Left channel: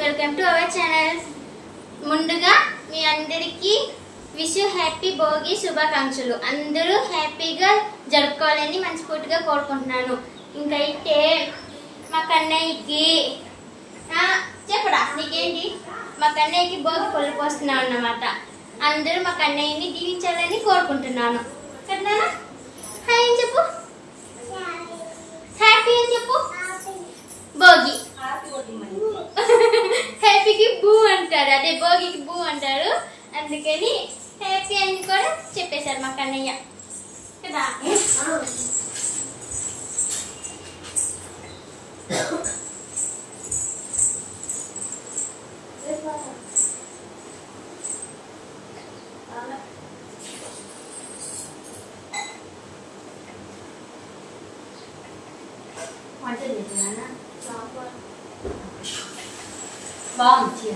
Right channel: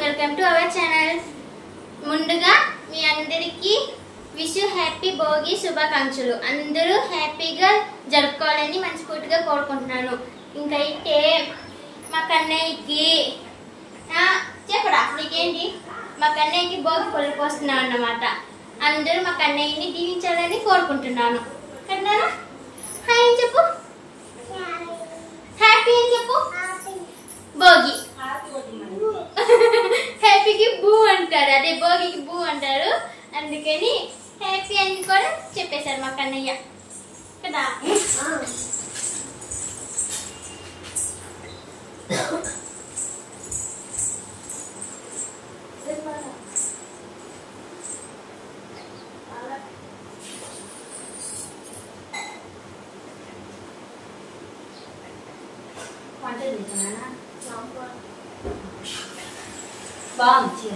Welcome to our channel. ముందుగా మీ అందరికీ wish happy Bhogi శుభాకాంక్షలు. అందరూ హ్యాపీగా జరుపుకోవాలని మనస్ఫూర్తిగా కోరుకుంటున్నాను. ఇంకైతే మా కన్నయ్యకి చెప్పడా నీకేంటి, మా కన్నయ్యకి భోగి పళ్ళు పోస్తున్నాం అన్నమాట. అందరూ మా కన్నయ్యని దీవించాలని కోరుకుంటున్నాను. కన్నానా హాయ్ అని చెప్పు, హ్యాపీ అని చెప్పు. భోగి హ్యాపీకి బూ అంటారు, అదే భోగికి బూ అంటారు. అందుకని హ్యాపీ అని కూడా చెప్పేశారు మా కన్నయ్య కదా. బాగుంది చీర.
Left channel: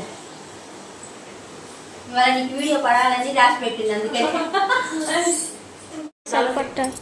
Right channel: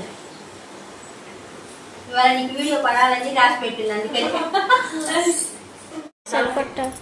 ఇవాళ నీకు వీడియో పడాలని రాసి పెట్టింది, అందుకని సరిపట్టారు.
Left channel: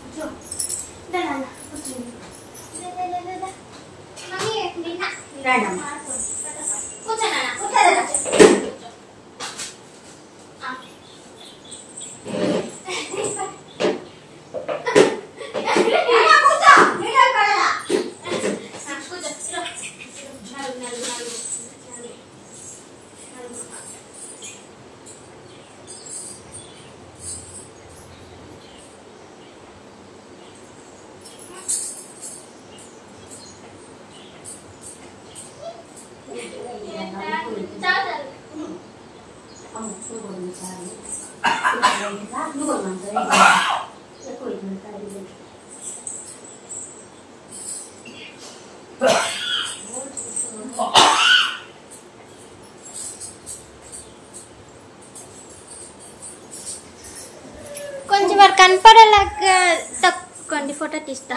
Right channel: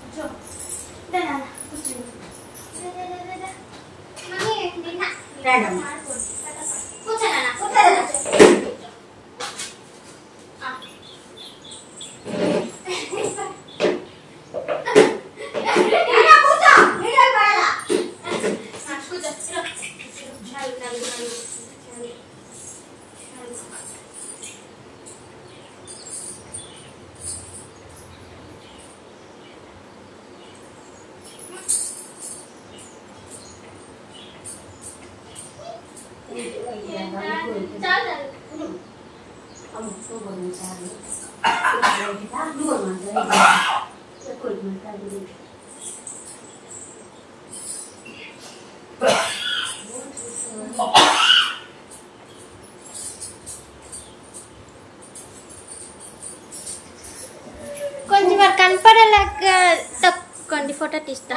కొంచెం మరి కనపడేలాగా తప్పుకోండి, ఫోటో తీస్తా.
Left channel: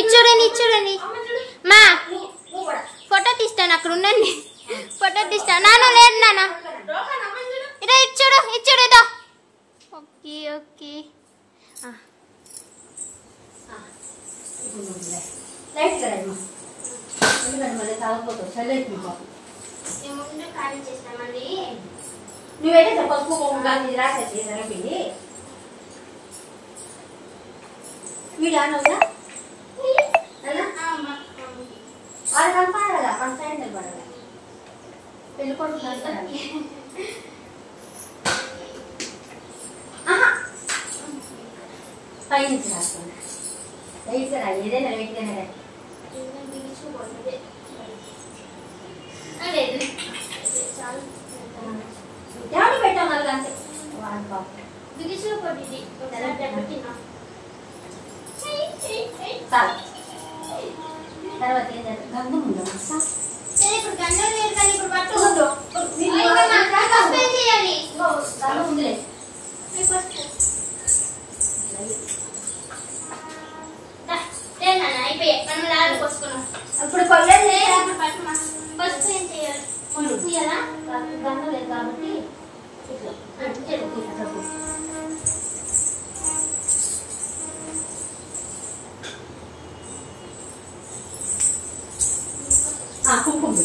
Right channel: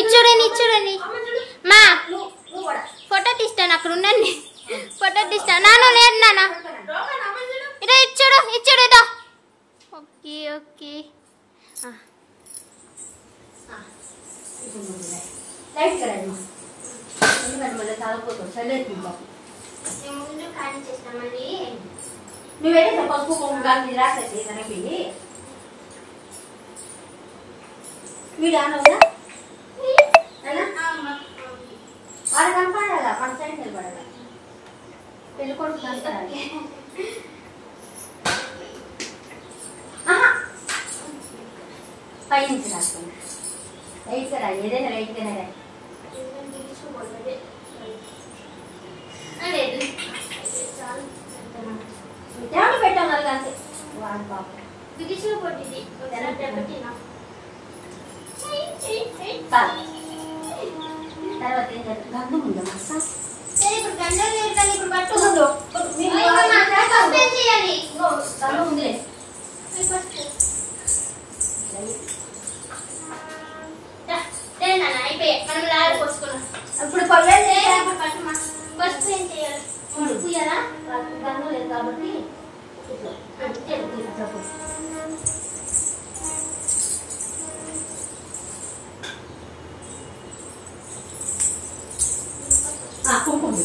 ఇచ్చుడండి ఇచ్చుడండి మా ఫోటో తీస్తాను, అక్కడ ఉండండి, ఫోటో తీస్తాను. నాన్న లేదు నాన్న, ఇదో ఇచ్చుడు ఇచ్చుడు ఇదో. ఓకే ఓకే నువ్వేంటే పసుపు కుంకుమ రాసేసి సరిపోయి మీరు అన్నదా వాళ్ళ కనపడాలా, మన సైడ్ నిలబడాలి. పెళ్లి కొడుకు పై నుంచి రాసుకోండి. రైట్ రా, ఏదైనా రైట్గానే రా. దేవుడు పెట్టాం నలుగు అంతే. వాళ్ళు పాపం బిగిసులు కొట్టింది తర్వాత ఏం చేస్తారు, గంధం ఉందా ఇప్పుడు గంధం లేదు కానీ ఇప్పుడు పట్టు గంధం ఉందిలే. అయిపోయాయి, మనం లాగా పోసుకున్నాం. ఇప్పుడు పర్లేదు, పసుపు ఏం చేయాలి, పూయాలా? గంధం లేదు కాబట్టి కుంకుమ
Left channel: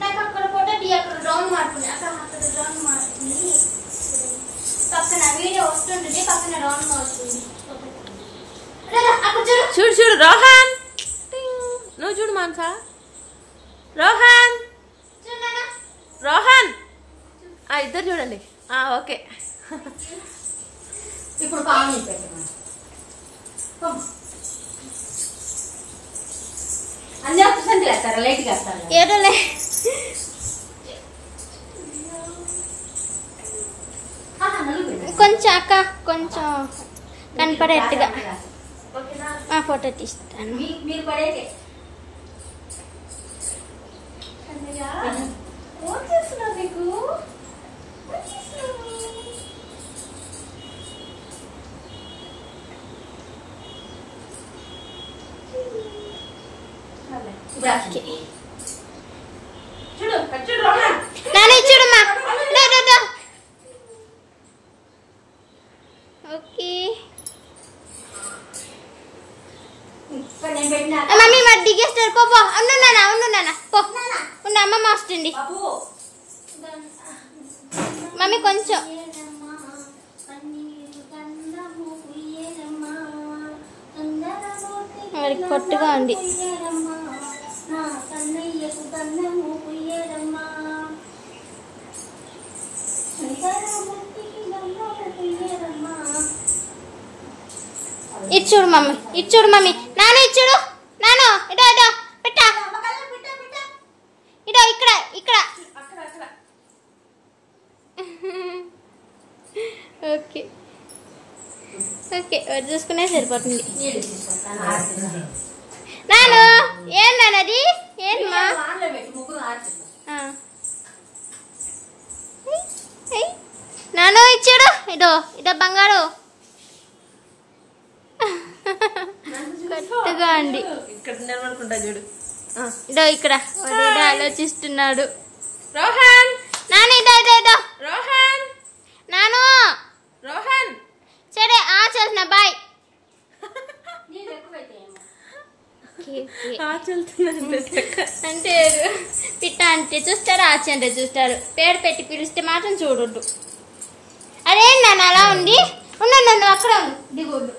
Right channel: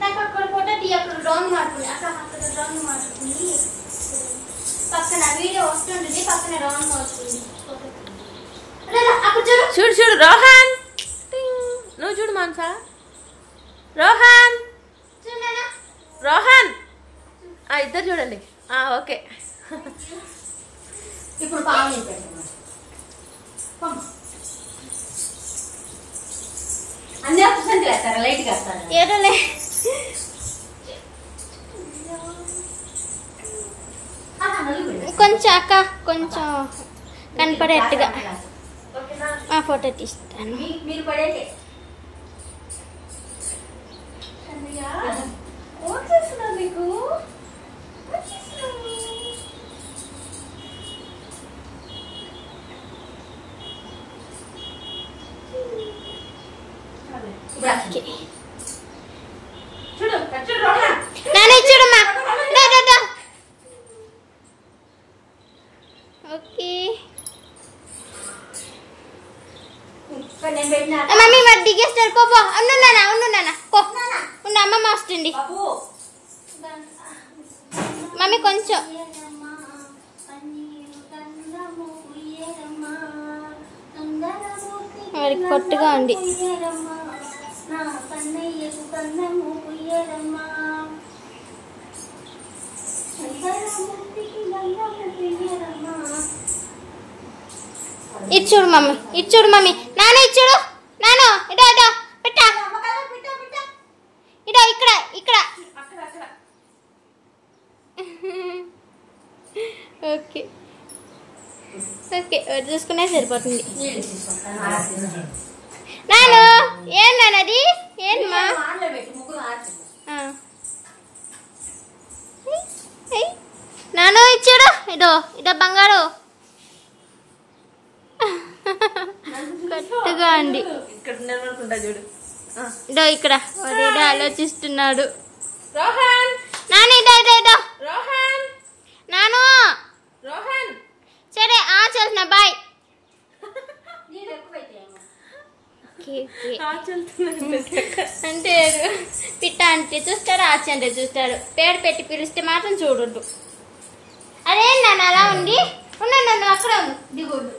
నాకు అక్కడ ఫోటో తీ, అక్కడ రౌండ్ మార్పుంది, అక్కడ రౌండ్ మార్పుంది. పక్కన వీడియో వస్తుంటుంది, పక్కన రౌండ్ మార్పుంది. చూడు చూడు రోహన్, నువ్వు చూడు మాన్సా. రోహన్ రోహన్ ఇద్దరు చూడండి. ఓకే ఇప్పుడు పావుని పెట్టాము, అన్ని ఆప్షన్స్ వేస్తారా, లైట్ వేస్తారా? ఏడలే కొంచెం అక్క కొంచెం కనపడేట్టుగా ఫోటో తీస్తాను. మీరు పడేటే నీకు చూడు చూడు నాన్న చూడమ్మా. ఓకే ఇక్కడ నేను పెట్టినా మమ్మీ మరి దిగేస్తారు పో ఉండు నాన్న పో ఉండు అమ్మమ్మ వస్తుంది బాబు మమ్మీ కొంచెం వాడికి కొట్టుగా ఉంది ఇచ్చుడు మమ్మీ నాన్న ఇచ్చుడు నాన్న ఇటో పెట్టా ఇటో ఇక్కడ ఓకే చూసుకునే సరిపోతుంది నాన్న ఏం నాన్నది ఏంమా నాన్న ఇచ్చాడు ఇదో బంగారు కొత్తగా అండి ఇక్కడ వాడేదో ఆలోచిస్తున్నాడు రోహన్ నాన్న ఇదో రోహన్ నాను రోహన్ సరే చేస్తున్నా బాయ్ అంటే పిట్ట అంటే చూస్తారు ఆచి అంటే చూస్తారు పేరు పెట్టి పిలిస్తే మాత్రం చూడొద్దు అరే నన్ను అలా ఉంది నన్ను అక్కడ దిగొద్దు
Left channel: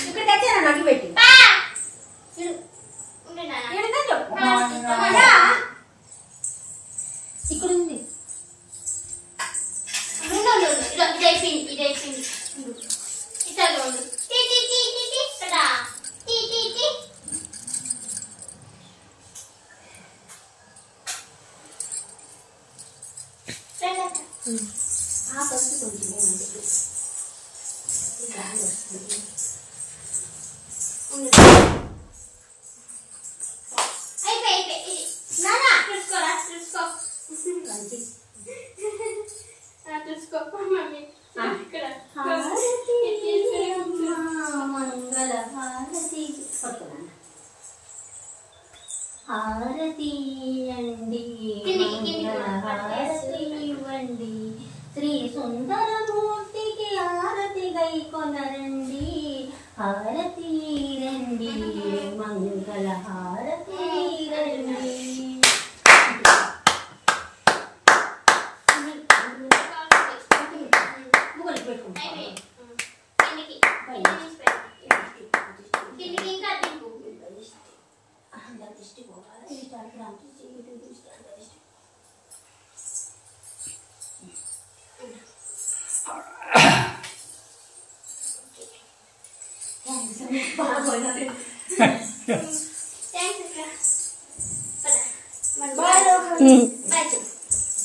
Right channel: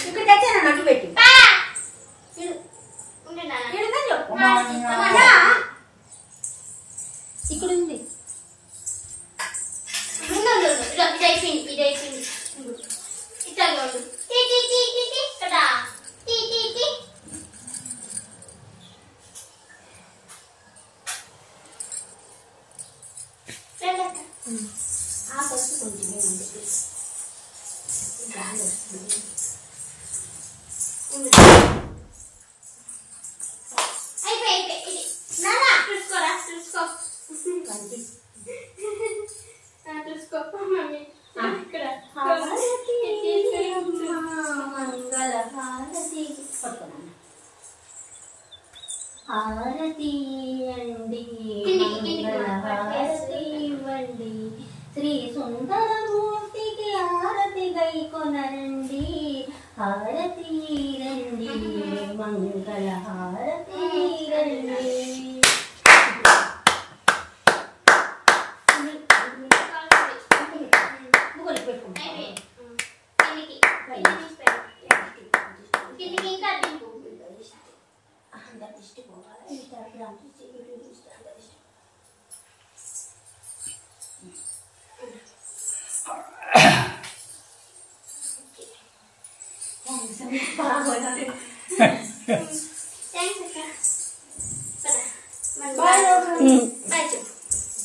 ఇక్కడ తెచ్చాను నన్ను పెట్టి ఇక్కడ ఉంది ఇది అయిపోయింది ఇట్లా హారతి అండి హారతి ఇవ్వండి శ్రీ సుందరమూర్తికి హారతి గై కొనరండి హారతి రండి మంగళ హారతి రండి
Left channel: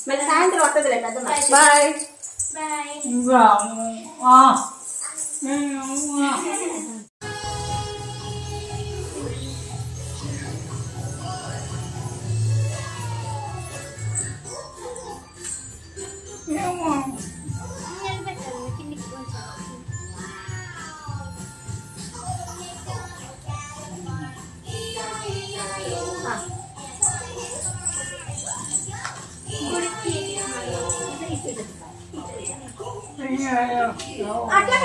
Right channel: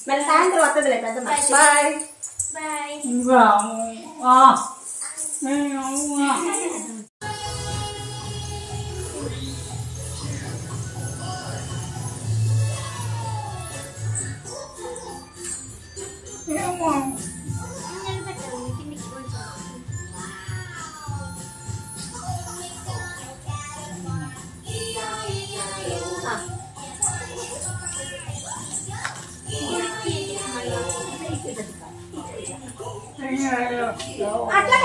మరి సాయంత్రం వస్తుందిలే పెద్ద బాయ్ అట్లా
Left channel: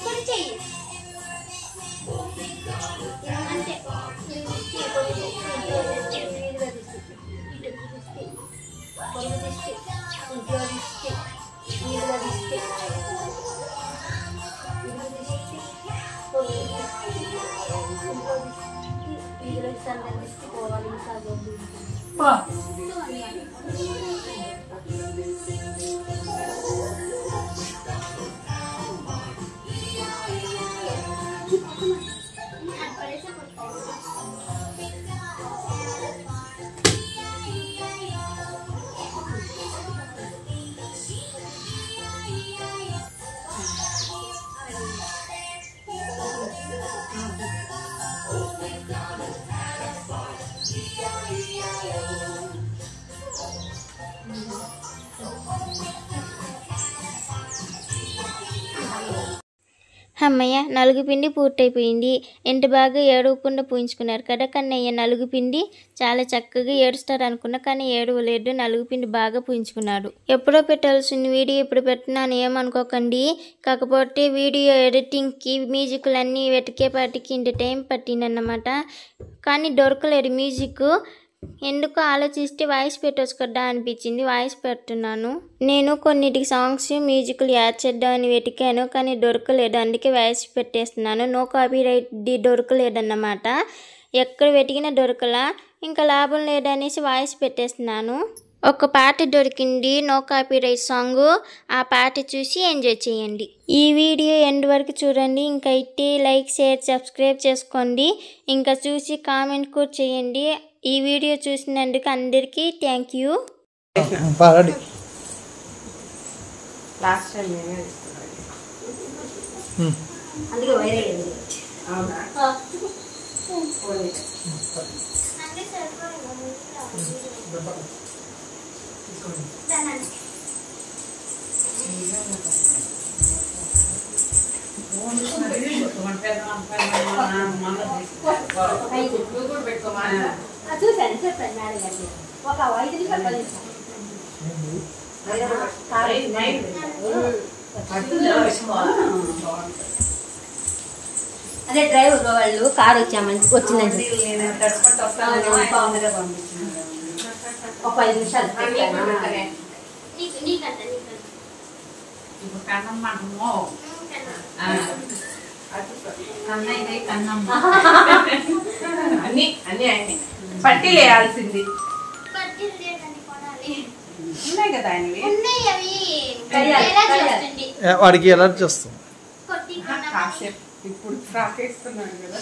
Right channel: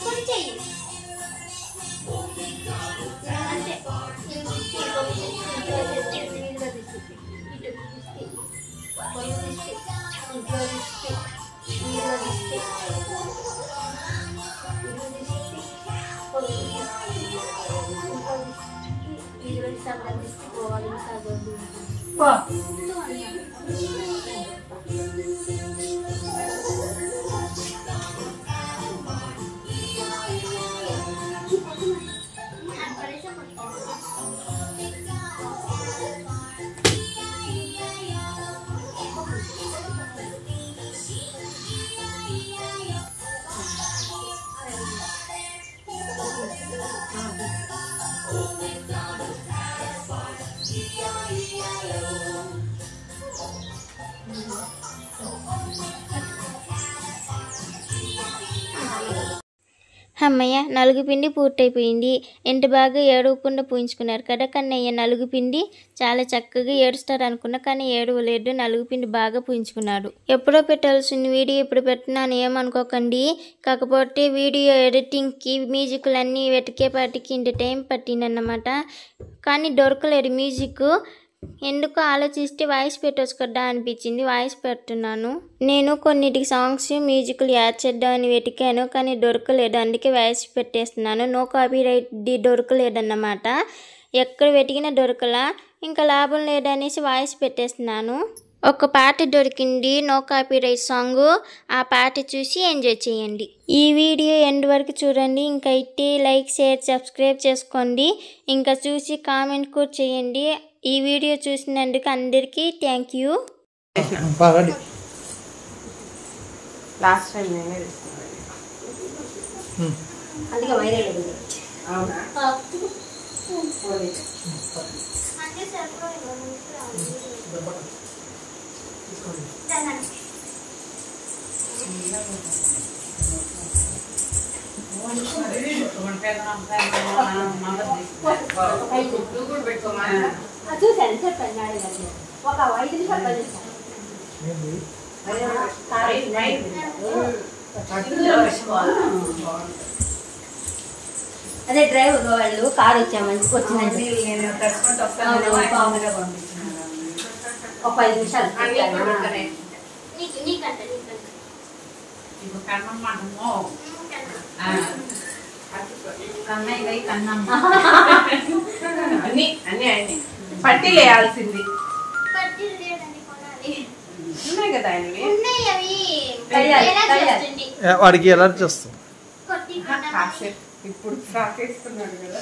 అంతే అమ్మయ్య, నలుగు పిండి పూర్తయిపోయింది. ఎంత బాగా ఏడవకుండా పూయించుకున్నారు కదా కన్నయ్య. నలుగు పిండి చాలా చక్కగా ఏడుస్తారు అనుకున్నా, కానీ ఏడవలేదు. నలుగు పిండి బాగా పూయించుకున్నాడు. ఎప్పుడో పెట్టాల్సిన వీడియో ఇప్పుడు పెట్టినాను, ఏమనుకోకండి. కాకపోతే వీడియో ఎడిటింగ్కి మ్యూజిక్లు అన్నీ వెతికేపాటికి ఇంత టైం పట్టిందన్నమాట. కానీ దొరకలేదు మ్యూజిక్. ఎందుకు ఆలోచిస్తే వాయిస్ పెట్టవచ్చు కదా అనిపించింది, వాయిస్ పెడుతున్నాను. నేను కొన్నిటికి సాంగ్స్ మ్యూజిక్లు యాడ్ చేద్దామని వెతికాను, కానీ దొరకలేదు. అందుకే వాయిస్ పెట్టేస్తున్నాను. నో కాపీరైట్ దొరకలేదన్నమాట. ఎక్కడ వెతికినా దొరకలా. ఇంకా లాభం లేదనేసి వాయిస్ పెట్టేస్తున్నాను. ఒక పాట దొరికింది, నో కాపీరైట్ సాంగ్. ఆ పాట చూసి ఎంజాయ్ చేయండి. ఈ వీడియో ఎండ్ వరకు చూడండి. ఇంకా అయితే లైక్, షేర్, సబ్స్క్రైబ్ చేసుకోండి. ఇంకా చూసి కామెంట్ కూడా చేయండి. ఈ వీడియో చూసినందుకు అందరికీ థ్యాంక్ యూ. అందుకే వైరే చూసాను, చెప్పండి మేడం గారికి. ఒక 5 నిమిషాలు పనిచేస్తాను. అదే డ్రైవర్ వాళ్ళు కారు వచ్చిందండి. ఒక 5 నిమిషాలు అన్ని అన్ని అన్ని పట్టి వేయాల్సింది ఉన్నాయి కదా. వాడికి ఎలా చేస్తాం ఇప్పుడు ఫ్రాక్ వేసుకున్నాడు కదా.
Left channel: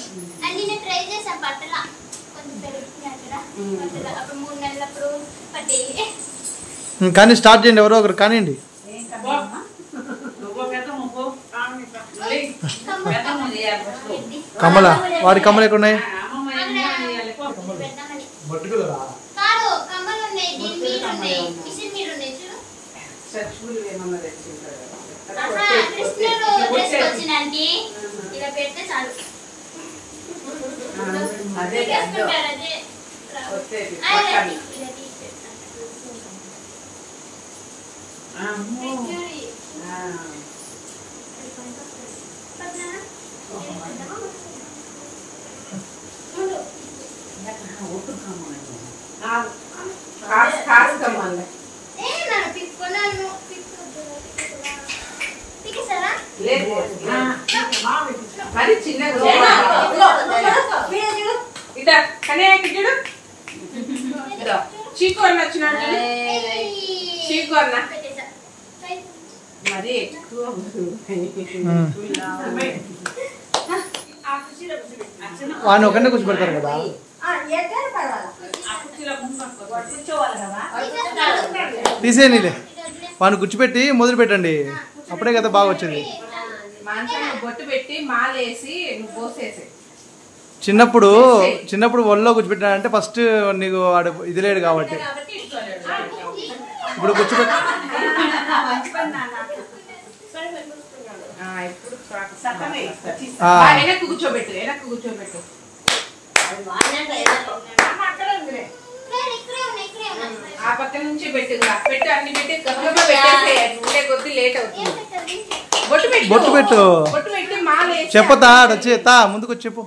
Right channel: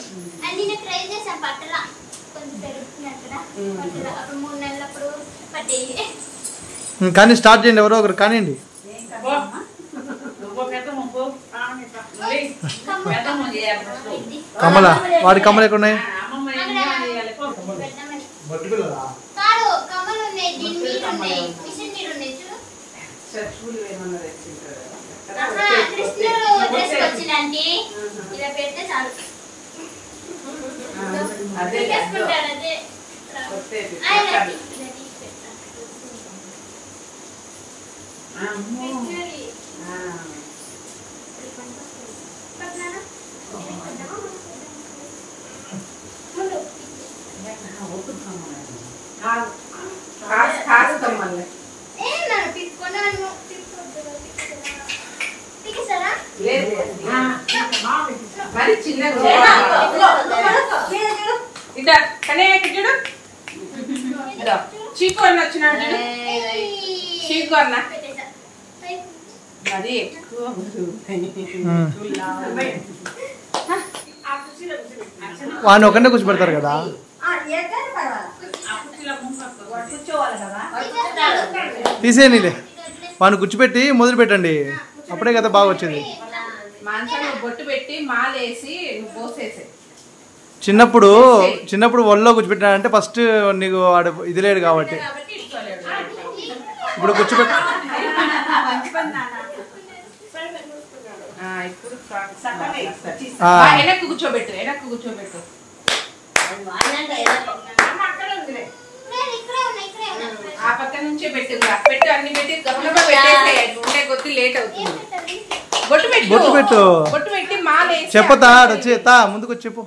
ట్రై చేసాం పట్టలా కొంచెం పెరుగుతున్నట్టుగా. అప్పుడు 3 నెలలప్పుడు పట్టేది. కానీ స్టార్ట్ చేయండి, ఎవరో ఒకరు కానివ్వండి. కమల, వాడి కమలు ఎక్కడ ఉన్నాయి? మరి చిన్నగా చీకు అన్న వచ్చినాడు. చీకు అన్న మరి వాడిని ఒకరినే కూర్చోబెడతారు కదా. తీసేయనిలే, వాడిని కూర్చోబెట్టి మొదలు పెట్టండి, అప్పుడే కదా బాగా వచ్చేది. బొట్టు పెట్టి మాలేసి పోసేసి. చిన్నప్పుడు ఒళ్ళో కూర్చోబెట్టినాడంటే ఫస్ట్ నీకు వాడు ఇది లేడు కాబట్టి. ఇప్పుడు కూర్చోబెట్టి వెనక్కి కూర్చోబెట్టు, వెనక్కి కూర్చోబెట్టు. ఆ పక్క నుంచే పెట్టు, పెట్టు అన్ని పెట్టి ఉండే కొద్ది లేట్ అవుతుంది. బొట్టు పెట్టు, బొట్టు పెట్టి మాలేసి చెప్పతా వచ్చేతా ముందుకు వచ్చి చెప్పు.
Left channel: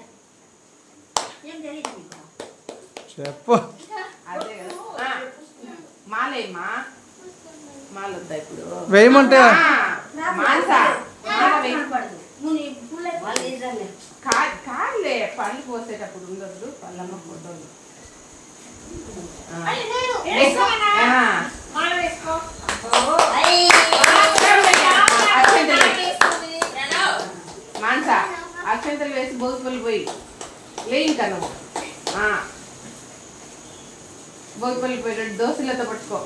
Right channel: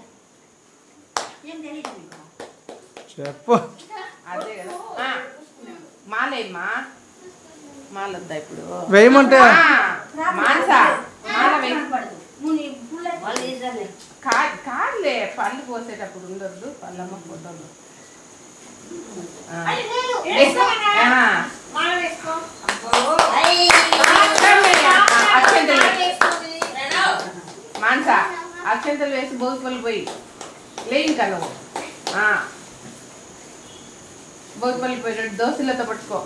చెప్పు మాలేమ్మా, మాలొద్దా ఇప్పుడు వేయమంటే కాదులే, పళ్ళు పోసేటప్పుడు ఉండొద్దు, పళ్ళమ్మ పోతుంది. మాన్సా అక్షంతలు వేసి భోగిపల్లి పోయి లేని కదా, భోగిపల్లి పోయి దోశలతో పట్టుకో.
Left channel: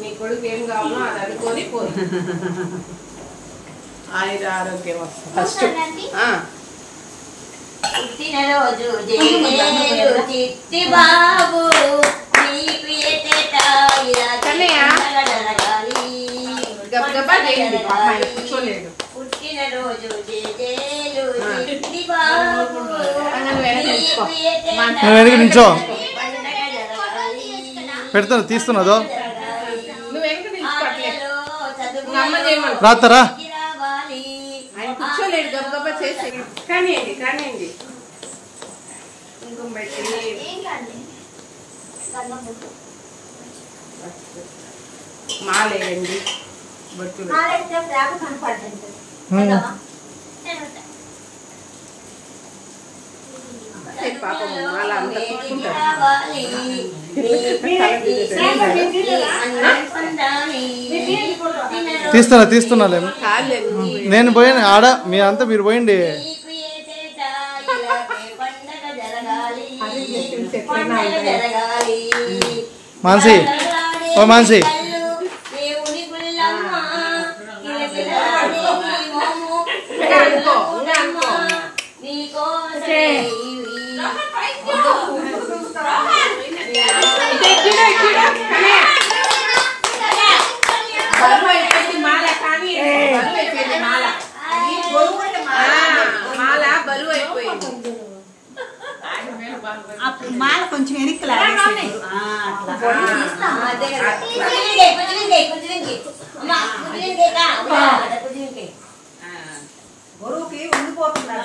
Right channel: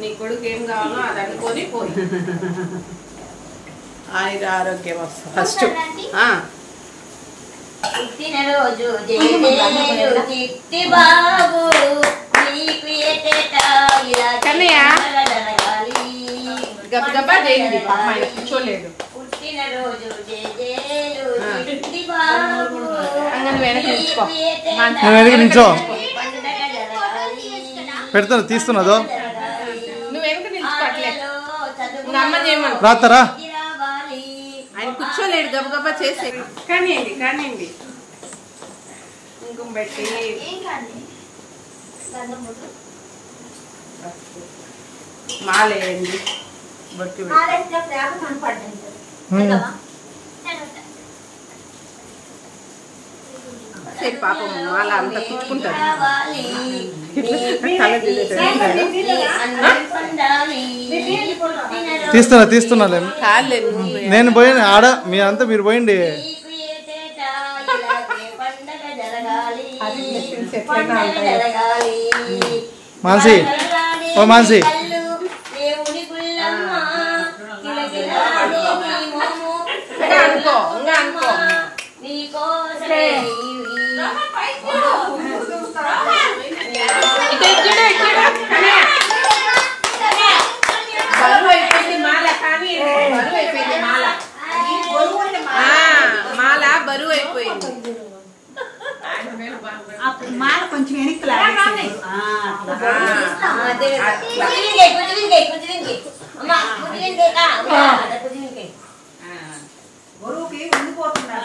నీ కొడుకు ఏం కావాలో అది అనుకొని పోయి ఆరోగ్యం వస్తుంది ఫస్ట్. పుట్టినరోజు చిట్టి బాబు గబగబా చేయండి. కూర్చోలేదు. పుట్టినరోజు జేజేలు చిట్టి బాబు నువ్వు వెనక నిల్చో. నువ్వు వెనక నిల్చో. పెడతాను, తీస్తున్నదో నువ్వు వెనక నిల్చుకోవట్లేదు. అమ్మ చేయమను. రాస్తారా? ఆయన కూర్చోలేడు, గబగబా చేసే. కానివ్వండి కానివ్వండి. కుంకుమ పెట్టి మాలేయండి. బొట్టు పాపం మాల అంతా కుట్టుకుంటారు. తీస్తున్నాలే. నేను పోయాను ఆడ, మీ అంతా మీరు పోయిండి. మాన్సి, ఓ మాన్సి, మాల బరువు అయిపోయింది. మాల కొంచెం వెనక్కి బరువుకి ఉండిపోతున్నారు.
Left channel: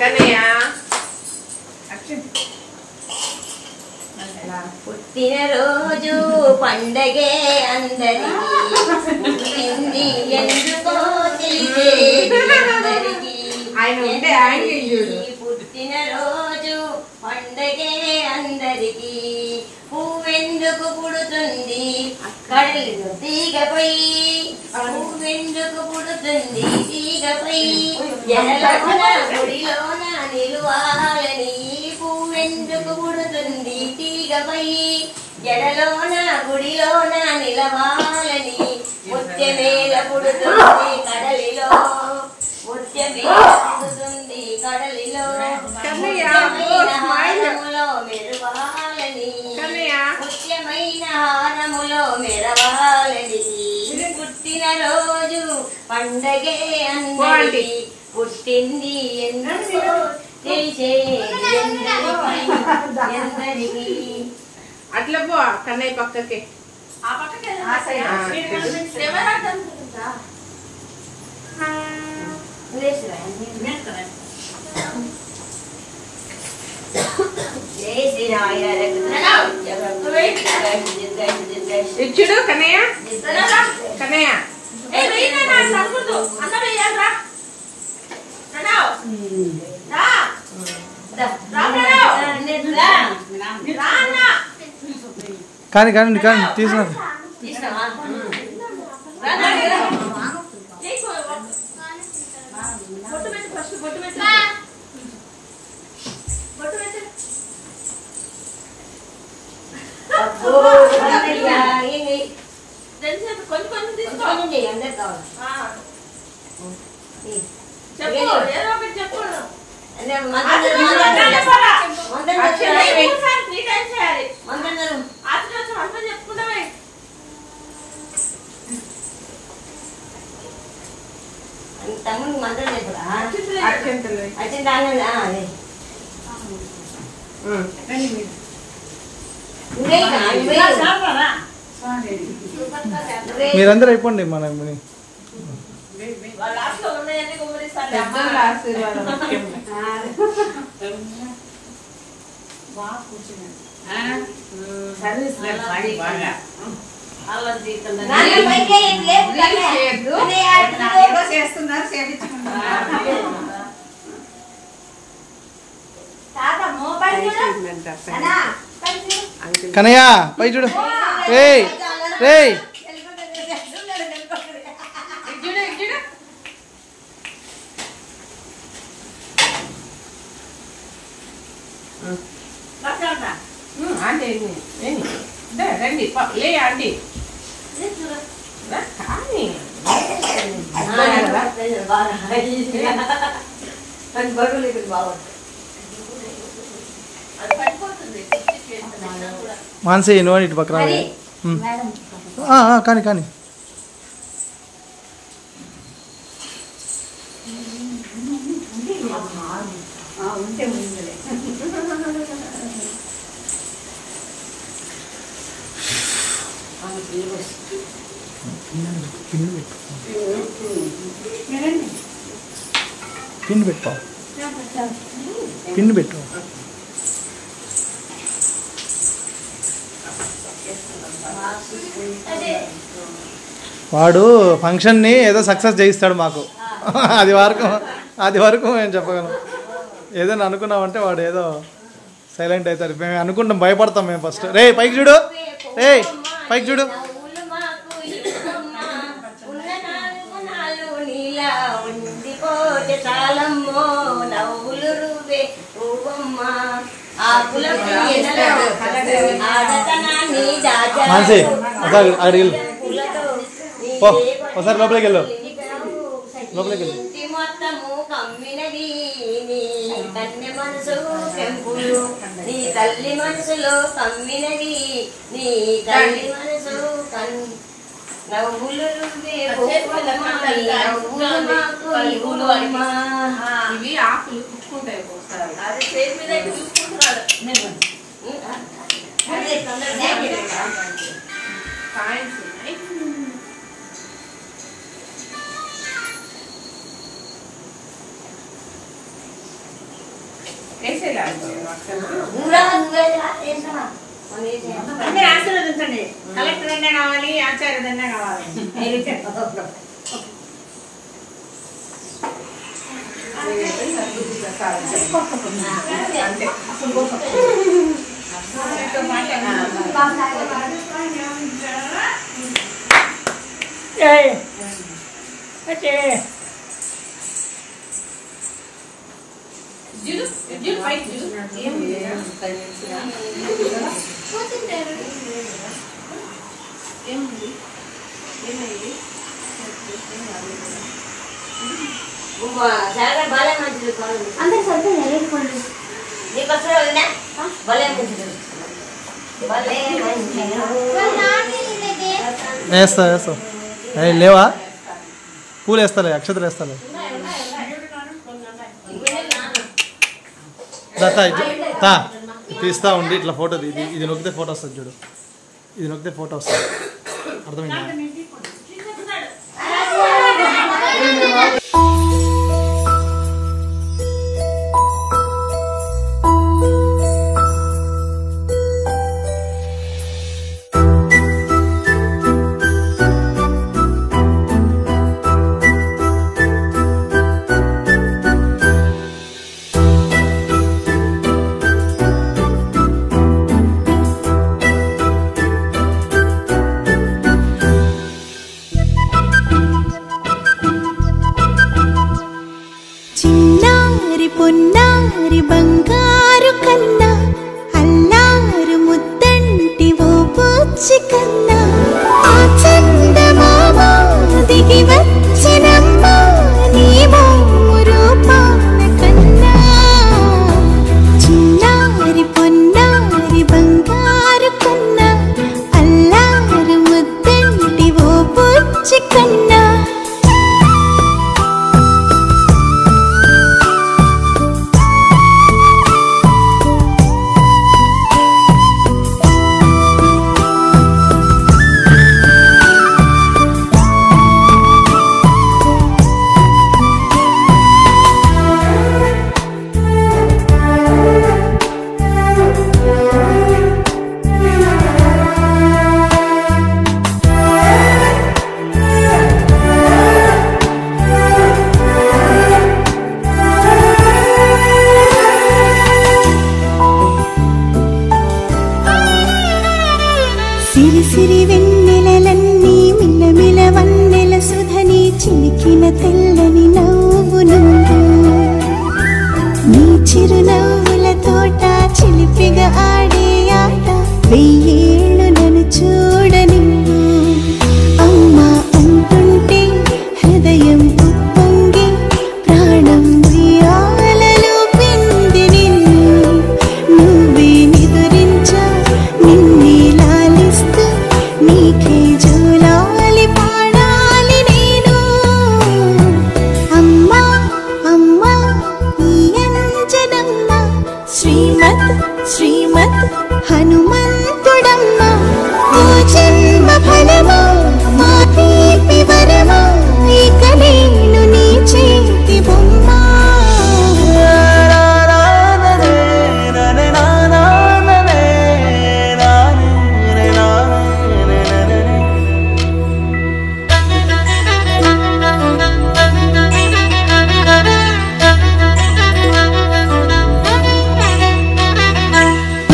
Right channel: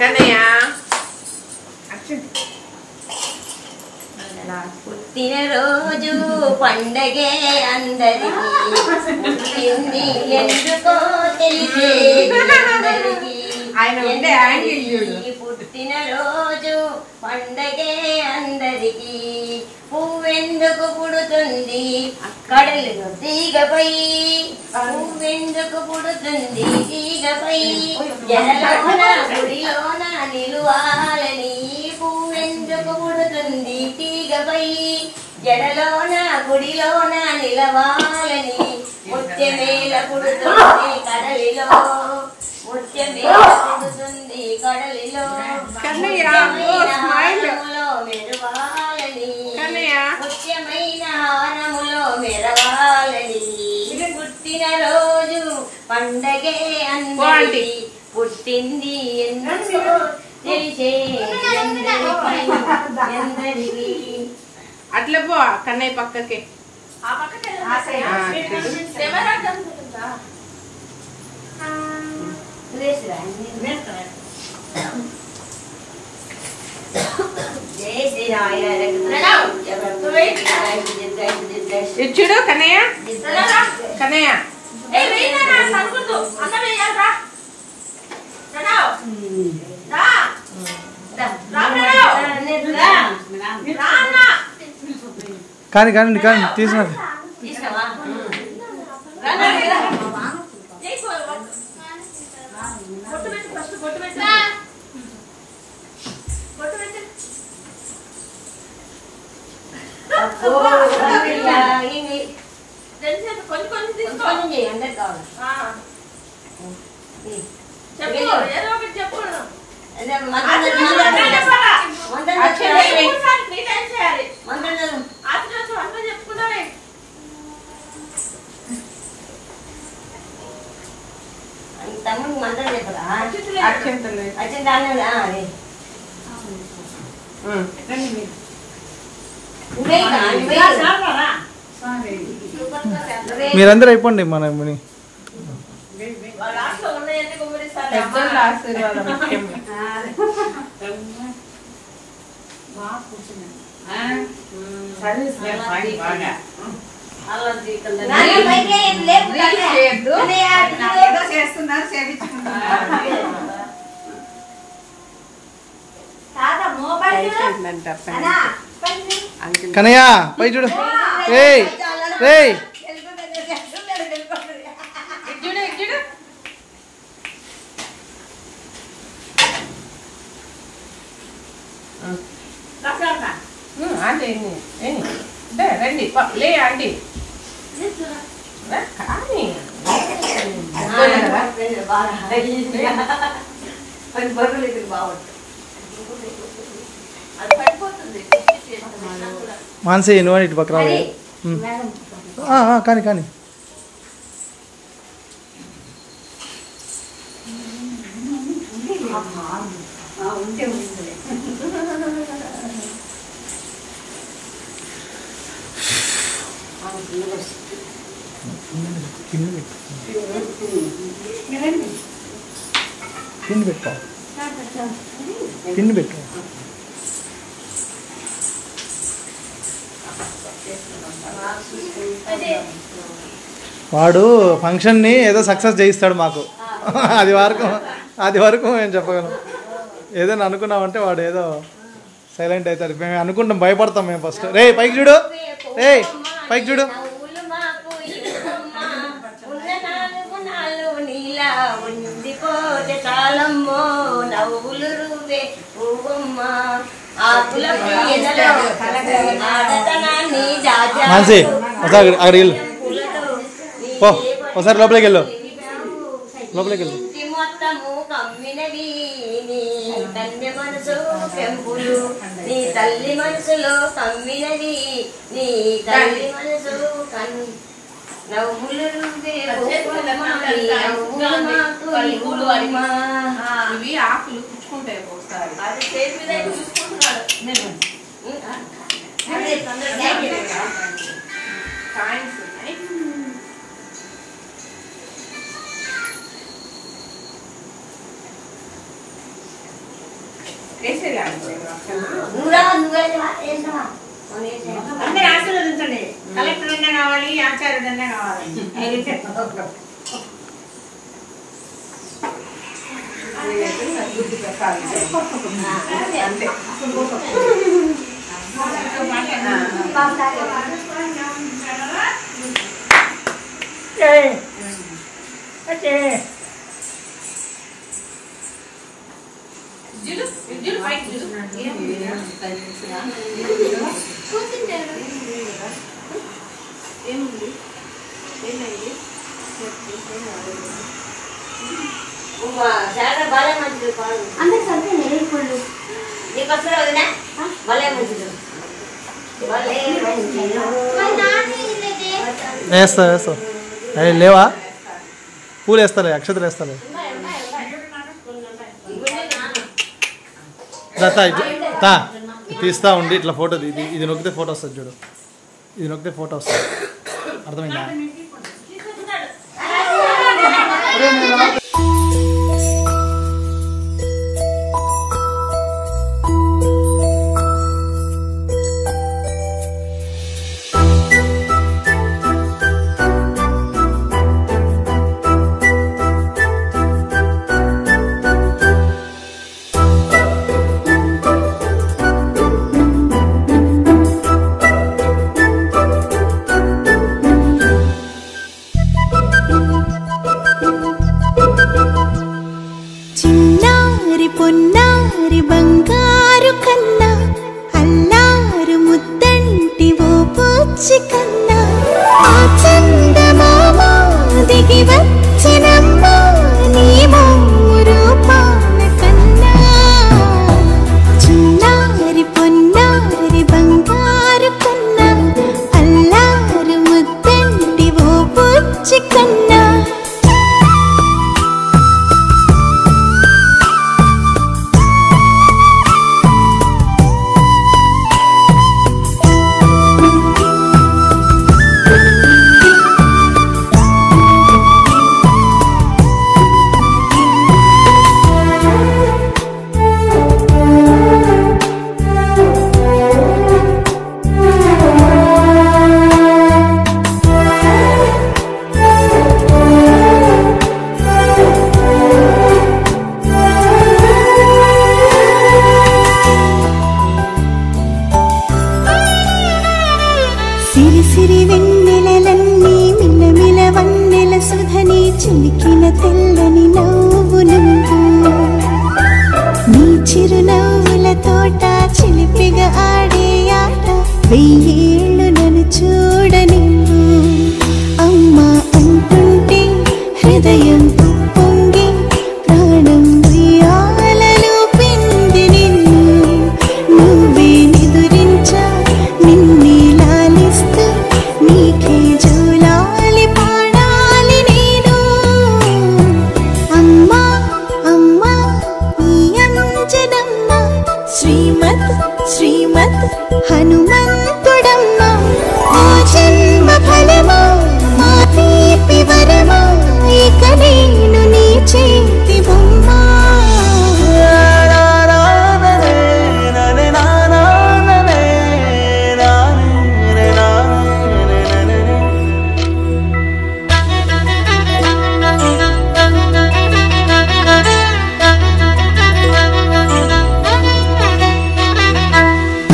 కన్నయ్య పుట్టినరోజు పండగే అందరికి ఎందుకో తెలిసేది. పుట్టినరోజు పండగే అందరికి పువ్వెందుకు పుడుతుంది కడలు తీగపై, పువ్వెందుకు పుడుతుంది తీగపై, జడలోన గుడిలోన నిలువాలని. పువ్వెందుకు పుడుతుంది తీగపై, జడలోన గుడిలోన నిలవాలని. ముత్యమేల పుడుతుంది కడలిలో, ముత్యమేల పుడుతుంది కడలిలో, ముత్యమైన హారములో మెరవాలని, ముత్యమైన హారములో మెరవాలని. పుట్టినరోజు పండగే అందరికి పుట్టింది ఎందుకో తెలిసేది ఎందరికి. అట్లా పో కన్నయ్య పక్కకి. ఇచ్చుడు కన్నయ్య. కన్నయ్య కానీ కానీ కానీ తీసిన తమ్ముడికి మంత్రం చెప్పరా? మీరందరూ అయిపోండి. మన కనయ్య పై చూడు. రేయ్ రేయ్ రండి లే అండి. మానసి నువ్వు ఇటు పక్కన కానీ కానీ ఉంటే ఉందిలే. పిన్ పెట్టు పిన్ పెట్టు. వాడు ఫంక్షన్ని ఏదో సక్సెస్ చేయిస్తాడు మాకు. అది వరకు మేము చెప్పగలం. ఏదైనా అనుకున్నామంటే వాడు ఏదో సైలెంట్ అవుతాడు. మేము అనుకుంటాం, భయపడతాం మేము ఫస్ట్. రే పైకి చూడు, రే పైకి చూడు. మాన్సి ఒకసారి అక్కడికి వెళ్ళు, ఒకసారి లోపలికి వెళ్ళు, లోపలికి వెళ్ళు. నీ తల్లి మనసులో కమ్మినది, నీ తల్లి మనసు ఇవి ఆకులు పుచ్చుకుంటాయి ఒకసారి. అందరూ ఆశీర్వదించండి. కలెక్టర్ అన్నా కావాలి, ఆచార్యుడు అన్నా కావాలి. భలే మంచిది అందరికి సరిగ్గా నేర్పుళ్ళు నీకు వస్తుందా వదినా? భలే మంచిది, భలే వేస్తా వేస్తా. లేవా పూలు వేస్తాలే, అక్షతలు వేస్తాలే. తీస్తా ఉండి ఇట్లా ఫోటో ఇది నొక్కితే ఫోటో వస్తుంది చూడు, ఇది నొక్కితే ఫోటో వస్తుంది. అర్థమైందా? పొన్నారి బంగారు కన్నా అల్లారు ముద్దంటి ఓ పూచి కన్నా ఆ చందమామ దిగి వచ్చినమ్మ నీ మోము రూపాల కన్నా. చిన్నారి పొన్నారి బంగారు కన్నా అల్లారు ముద్దంటి ఓ పూచి కన్నా. సిరి సిరి వెన్నెలలన్నీ మిలమిల వన్నెల సుధని చిలికిన తెల్లని నవ్వు నువ్వు. నీ చిరునవ్వుల తోట చిలిపిగా ఆడే ఆట వెయ్యేళ్ళు నన్ను చూడ నువ్వు.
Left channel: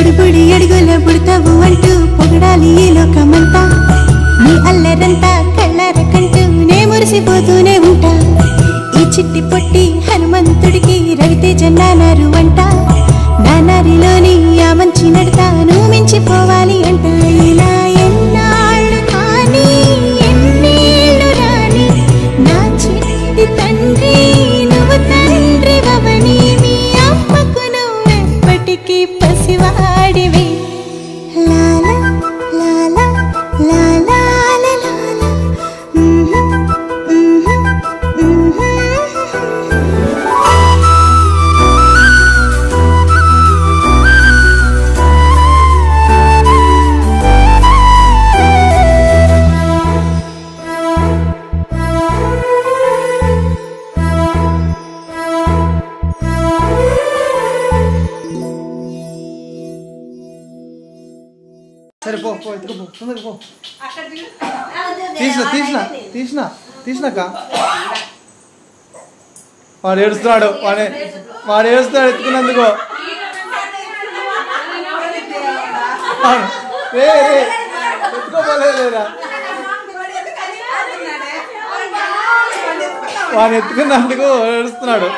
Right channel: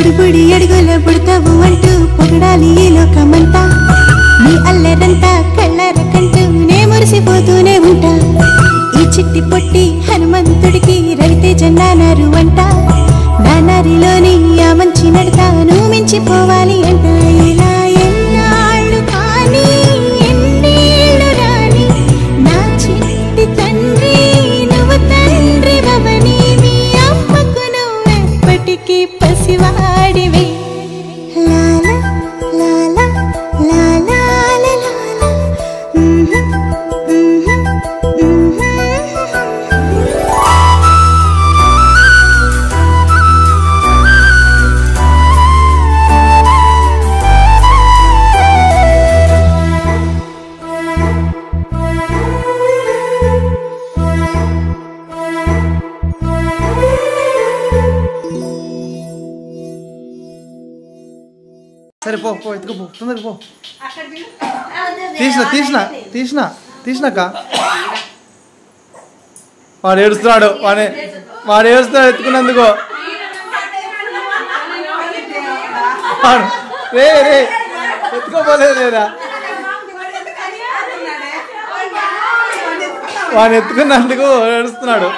బుడిబుడి అడుగుల బుడతావు అంటూ పొగడాలి ఈ లోకమంతా నీ అల్లరంతా కళ్ళారకంటూ నే మురిసిపోతూనే ఉంటా ఈ చిట్టి పొట్టి హనుమంతుడికి రవితేజ నానారు అంట నానారిలోని ఆ మంచి నడతాను మించిపోవాలి అంట ఇలా ఎన్నాళ్ళు కానీ ఎన్నేళ్ళు రాని నా చిట్టి తండ్రి నువ్వు తండ్రి వవని మీ అమ్మకు నువ్వెప్పటికీ పసివాడివి లాల లాల లాల లాల సరే పో పో ఎత్తుకు పో తొందరగా పో తీసినాక వాడు ఏడుస్తున్నాడు వాడు ఏడుస్తున్నాడు ఎత్తుకున్నందుకు రే రే ఎత్తుకోపోలేదు లేరా వాడు ఎత్తుకున్నందుకు ఏడుస్తున్నాడు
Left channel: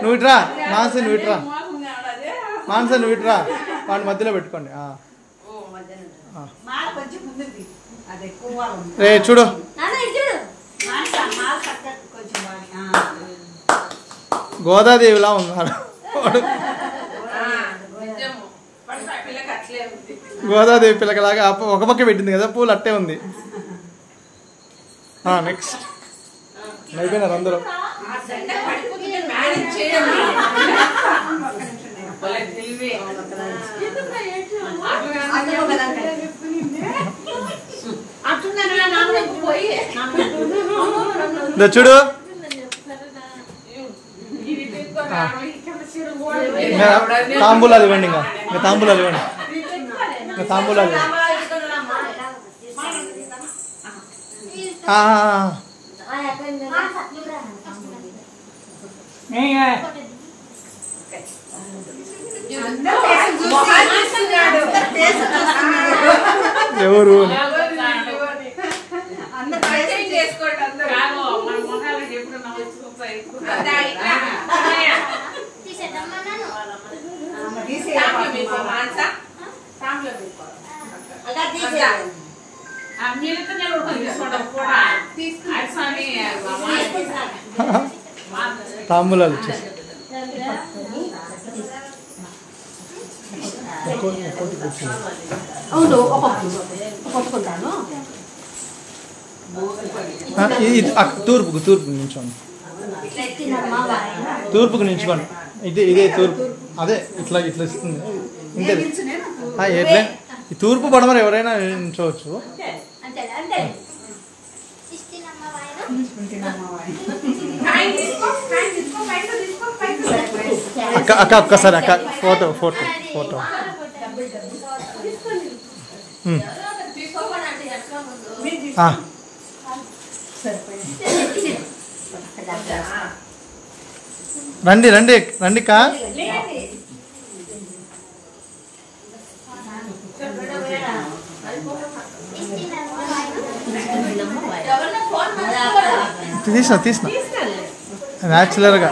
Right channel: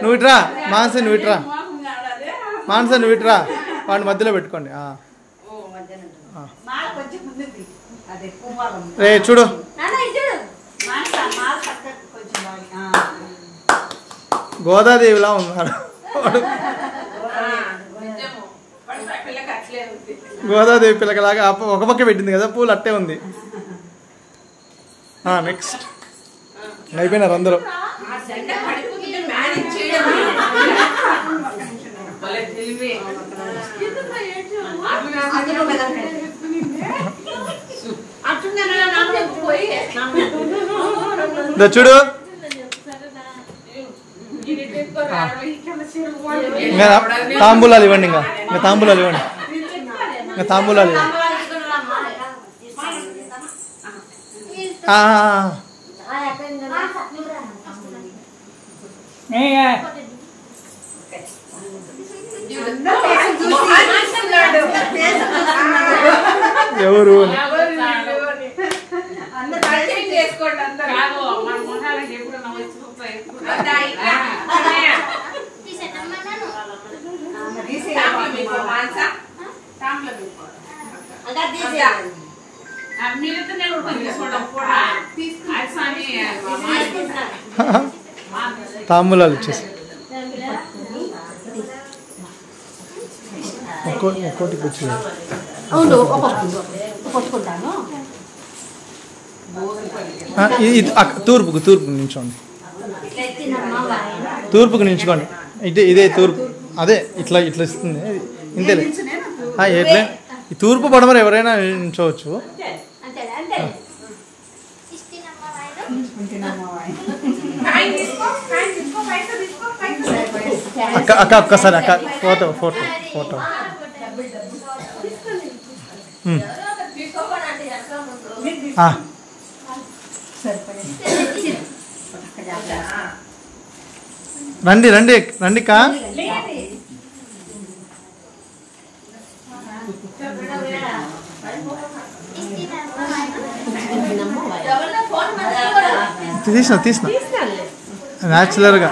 నువ్వు ఇట్రా మానస నువ్వు ఇట్రా వాడిని మధ్యలో పెట్టుకోండి రే చూడు గోదాదేవిలా ఉన్నాడు గోదాదేవి పిల్లకలాగా ఒక పక్క పెట్టింది కదా పూలు అట్టే ఉంది నెక్స్ట్ అయిపోయినారు అందరూ చూడు తాంబూలాలు ఇవ్వండి ఇంకా తాంబూలాలు ఇవ్వండి తాంబూలాలు ఇవ్వండి ఎవరు తాంబూలాలు ఇచ్చేసి ఒక్కోటికి వచ్చింది తూర్పుకు నిల్చోండి తూర్పుకు నిల్చుకోండి ఇదే తూర్పు అదే ఇట్లా ఇస్తుంది ఇంతే ఎట్లా ఈ తూర్పు పడమరు ఎవరైనా నిల్చోవచ్చు అక్క ఒక్కసారి అక్క ఫోటో రండి కా తీసిన న్యాచురల్గా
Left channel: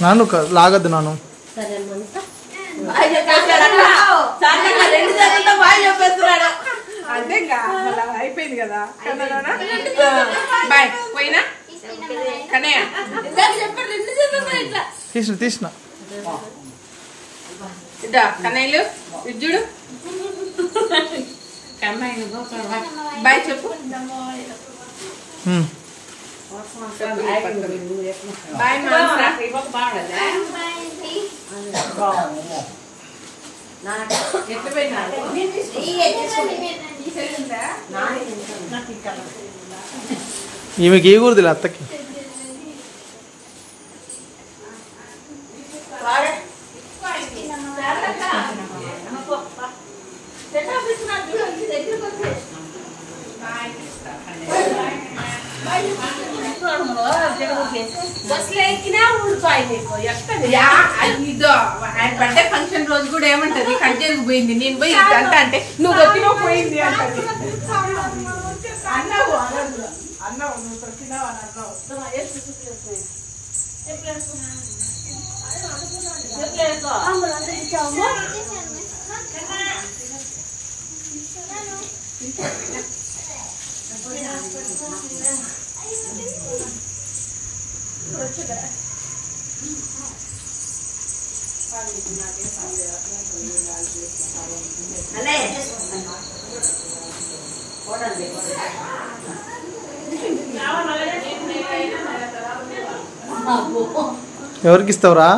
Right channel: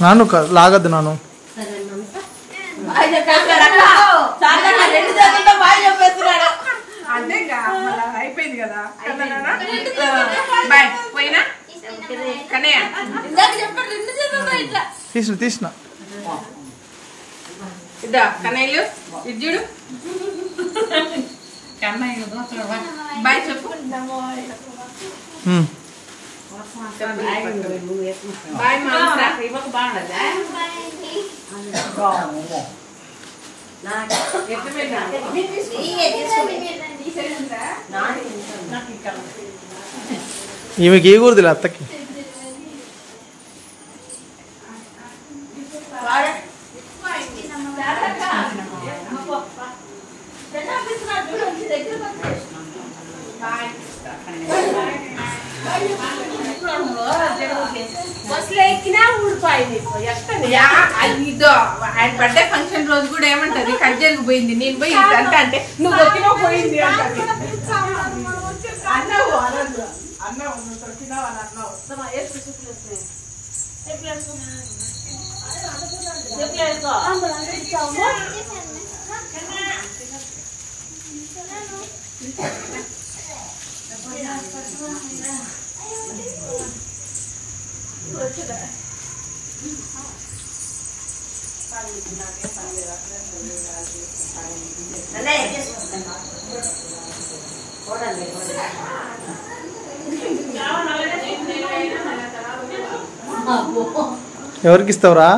నాను లాగద్దు నాను అయిపోయింది కదా బాయ్ పోయినా తీసిన ఇద్దా కన్నయ్యలు ఇజ్జుడు బాయ్ చెప్పు బాయ్ ఈమెకి ఇవ్వకూడదు అత్తకి ఇదో ఆయన బర్త్డే ఫంక్షన్ రోజు కూడా ఏమంటది కట్ జరిగిపోయింది నేను పోయి అంట అంటే నువ్వు వచ్చినావు పోయింది అంటది అన్నావు అన్నావు నువ్వు వచ్చినావు అని అన్నావు ఎవరికి ఇస్తావురా?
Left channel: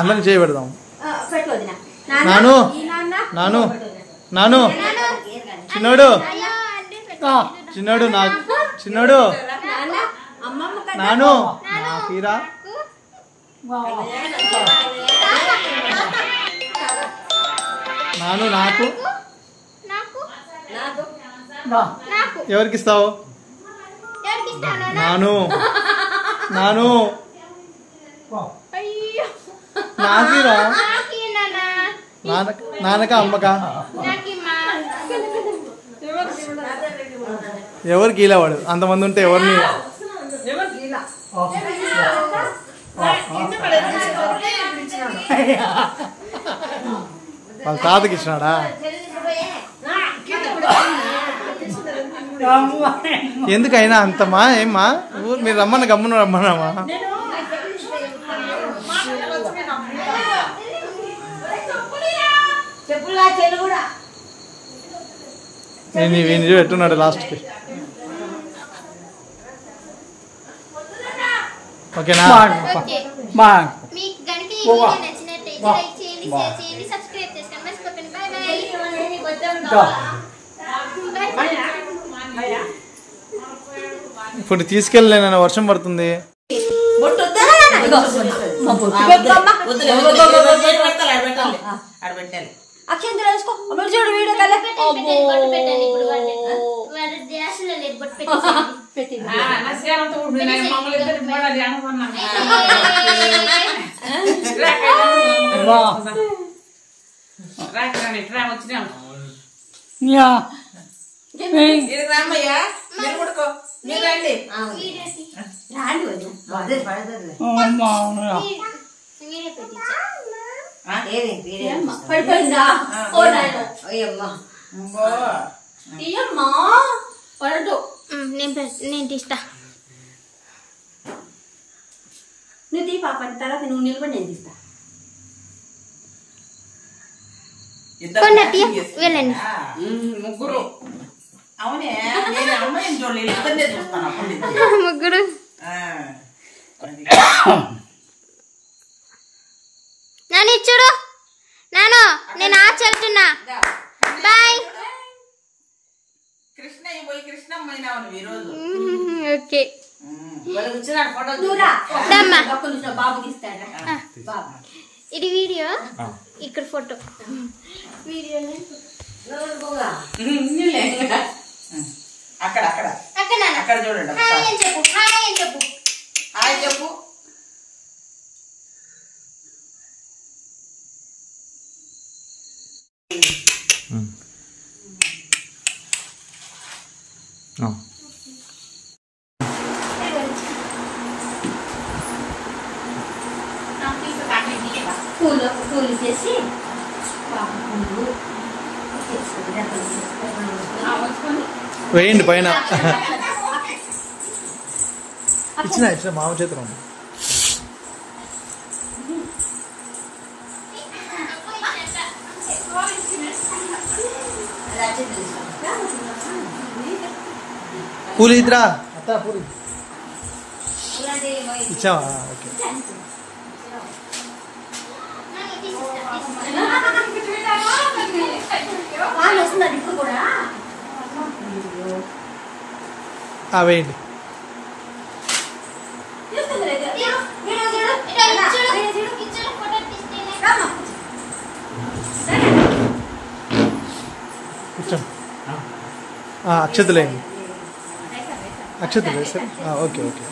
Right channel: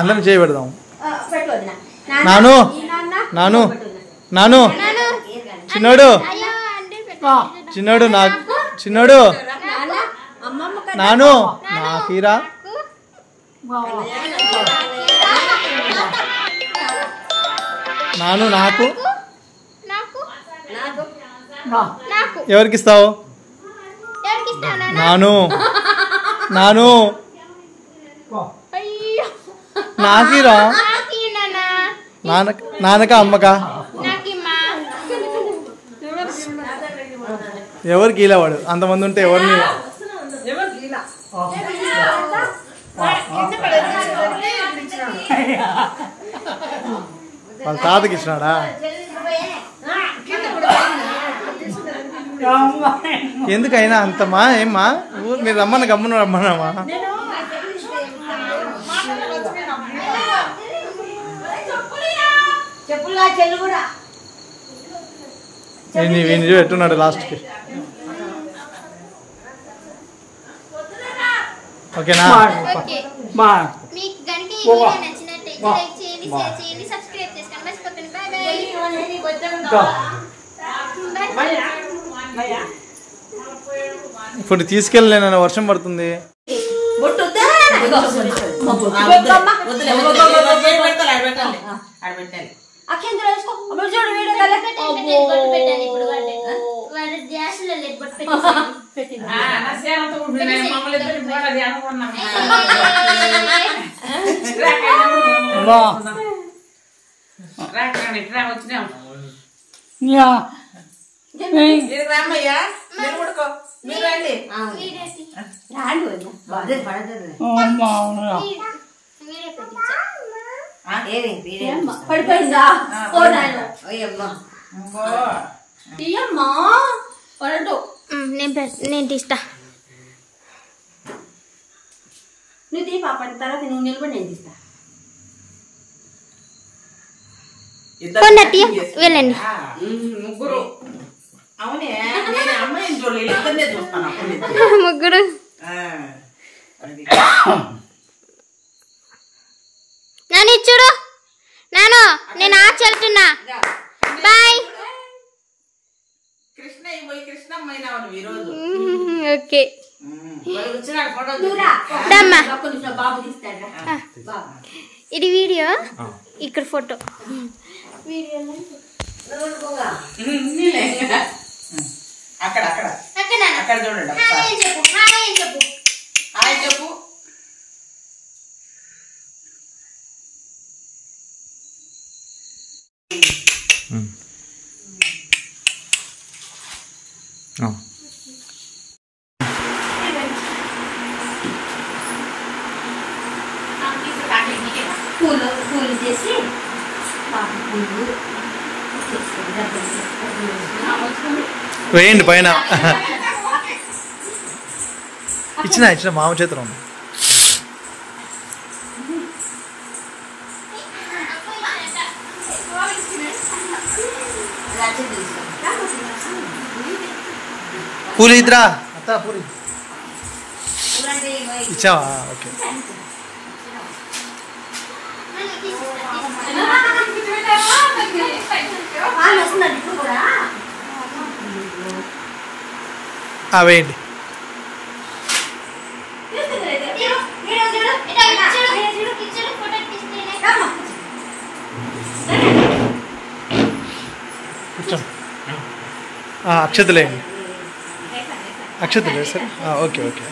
అందరం చేయబెడదాం. నాను నాను నాను చిన్నోడు చిన్నోడు నాకు చిన్నోడు నాను నాకీరా నాను నాకు ఎవరికి ఇస్తావు? నాను నాను నాకీరా నాన్నక అమ్మక ఎవరికి ఇలా వాడు అంతమంది ఉంటే ఎవరిని వాళ్ళ తాతకి ఇచ్చినాడా? ఎందుకైనా అంతమా ఏమ్మా మీరు రమ్మన్న గమ్మున రమ్మన్నామా? వీని ఎట్టున్నాడు లాస్ట్కి. ఓకేనా? మీకు గనుక ఈ వీడియో నచ్చినట్లయితే లైక్ చేయండి, షేర్ చేయండి, సబ్స్క్రైబ్ చేసుకోండి. మర్చిపోకండి. By by. ఇప్పుడు తీసుకెళ్ళలేనన్న వర్షం పడుతుంది. పడిపోయిందా? నేను తీస్తా. నువ్వు తీ పాప, తర్వాత నువ్వు నిలబడి నేను తీస్తా. వెళ్ళండి ముగ్గురు. అవునే అమ్మాయిని చూడలేదు, ఇద్దరినే చూస్తాను. ముగ్గురు. నాని చూడు నాను, నేను ఆచెళ్తున్నా. బాయ్. కృష్ణ పోయి కృష్ణమ్మైనావు ఈరోజు. ఓకే బాబు తీస్తాడా? ఇది వీడియో, ఇక్కడ ఫోటో. వీడియో అక్కడ అక్కడ అక్కడ చూడండి. చెప్పు చెప్పు హాయ్ చెప్పు. పూలు చేసి వేయండి పైన. ఇచ్చిన మామ చేతిలో ఉంది. పూలు ఇద్దరా అత్త పూరి ఇచ్చావా? ఓకే. వేయండి. కూర్చోండి. అక్షతలేండి, అక్షతలే సరే. Okay okay.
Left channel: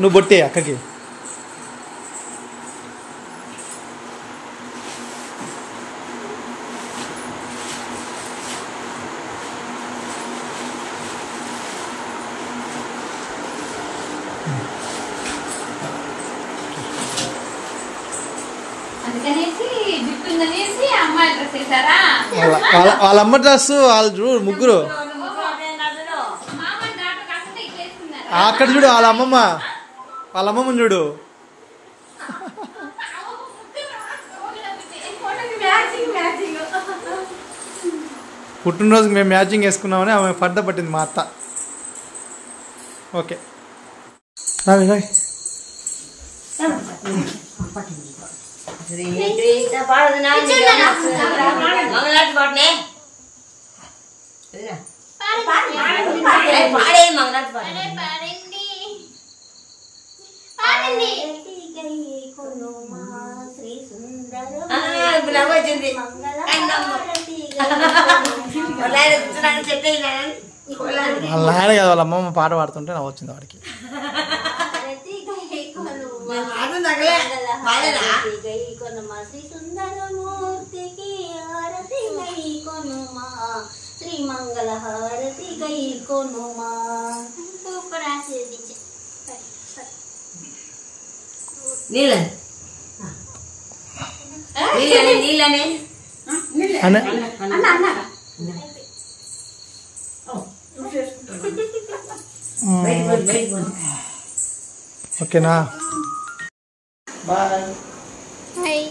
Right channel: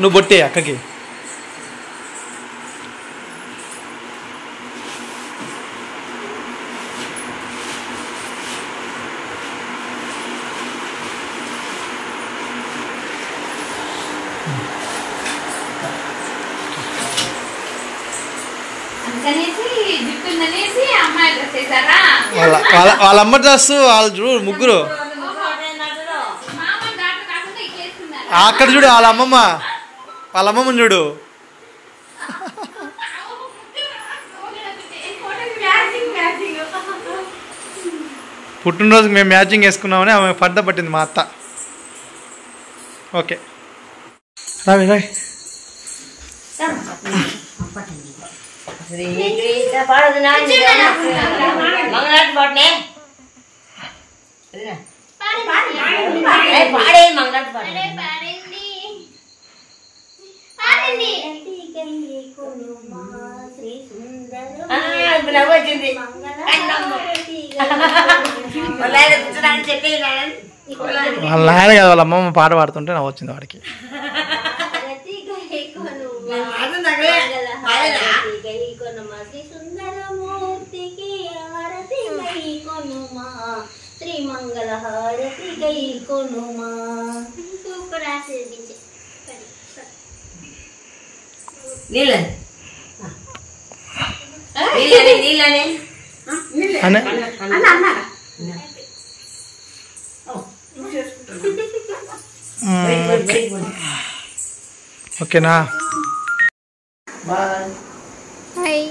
నువ్వు బొట్టే అక్కకి. వాళ్ళ అమ్మ డ్రెస్ వాళ్ళు చూడు ముగ్గురు అక్కడ చూడు, వాళ్ళ అమ్మమ్మని చూడు. పుట్టినరోజుకి మేము మ్యాచింగ్ వేసుకున్నామని ఆమె పంట పట్టింది మా అత్త. ఓకే రావి రావి. వాళ్ళ నాయన కదా వాళ్ళ అమ్మమ్మ పాట పాడుతుంటే నాకు వచ్చింది వాడికి. శ్రీ మంగళ హారతి గై కొనుమా. నీళ్ళని ఓకేనా. బాయ్.